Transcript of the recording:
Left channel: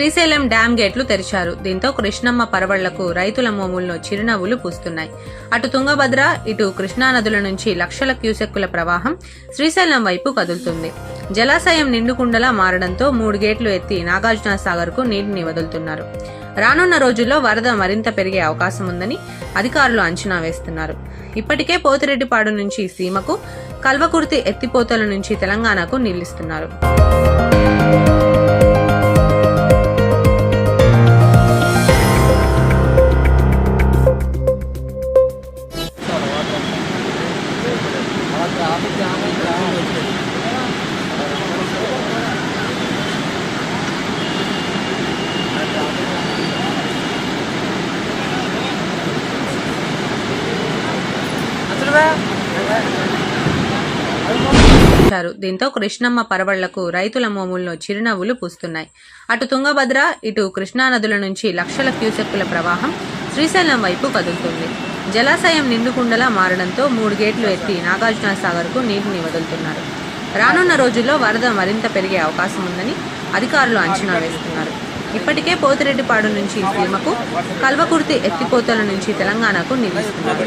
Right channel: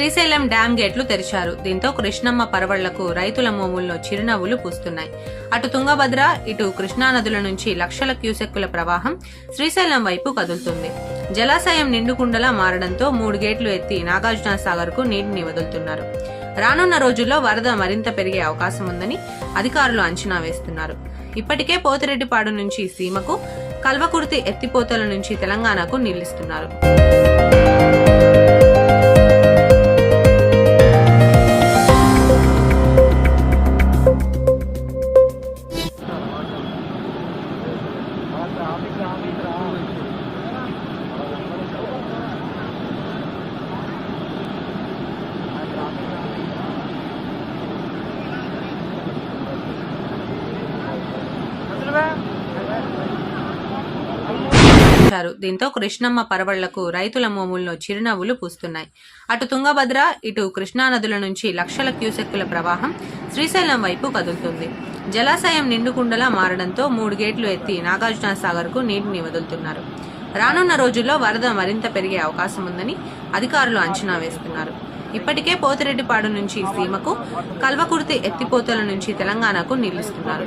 Srisailam dam గేట్లు తెరిచారు. దీంతో కృష్ణమ్మ పరవళ్లకు రైతుల మోముల్లో చిరునవ్వులు పూస్తున్నాయి. అటు తుంగభద్ర, ఇటు కృష్ణానదుల నుంచి లక్షల క్యూసెక్కుల ప్రవాహం శ్రీశైలం వైపు కదులుతుంది. జలాశయం నిండుకుండలా మారడంతో 3 గేట్లు ఎత్తి నాగార్జున సాగర్ కు నీటిని వదులుతున్నారు. రానున్న రోజుల్లో వరద మరింత పెరిగే అవకాశం ఉందని అధికారులు అంచనా వేస్తున్నారు. ఇప్పటికే పోతిరెడ్డిపాడు నుంచి సీమకు, కల్వకుర్తి ఎత్తిపోతల నుంచి తెలంగాణకు నీళ్లిస్తున్నారు. దీంతో కృష్ణమ్మ పరవళ్లకు రైతుల మోముల్లో చిరునవ్వులు పూస్తున్నాయి. అటు తుంగభద్ర, ఇటు కృష్ణానదుల నుంచి లక్షల క్యూసెక్కుల ప్రవాహం శ్రీశైలం వైపు కదులుతుంది. జలాశయం నిండుకుండలా మారడంతో 3 గేట్లు ఎత్తి నాగార్జున సాగర్ కు నీటిని వదులుతున్నారు. రానున్న రోజుల్లో వరద మరింత పెరిగే అవకాశం ఉందని అధికారులు అంచనా వేస్తున్నారు. ఇప్పటికే పోతిరెడ్డిపాడు నుంచి సీమకు, కల్వకుర్తి ఎత్తిపోతల నుంచి తెలంగాణకు నీళ్లిస్తున్నారు.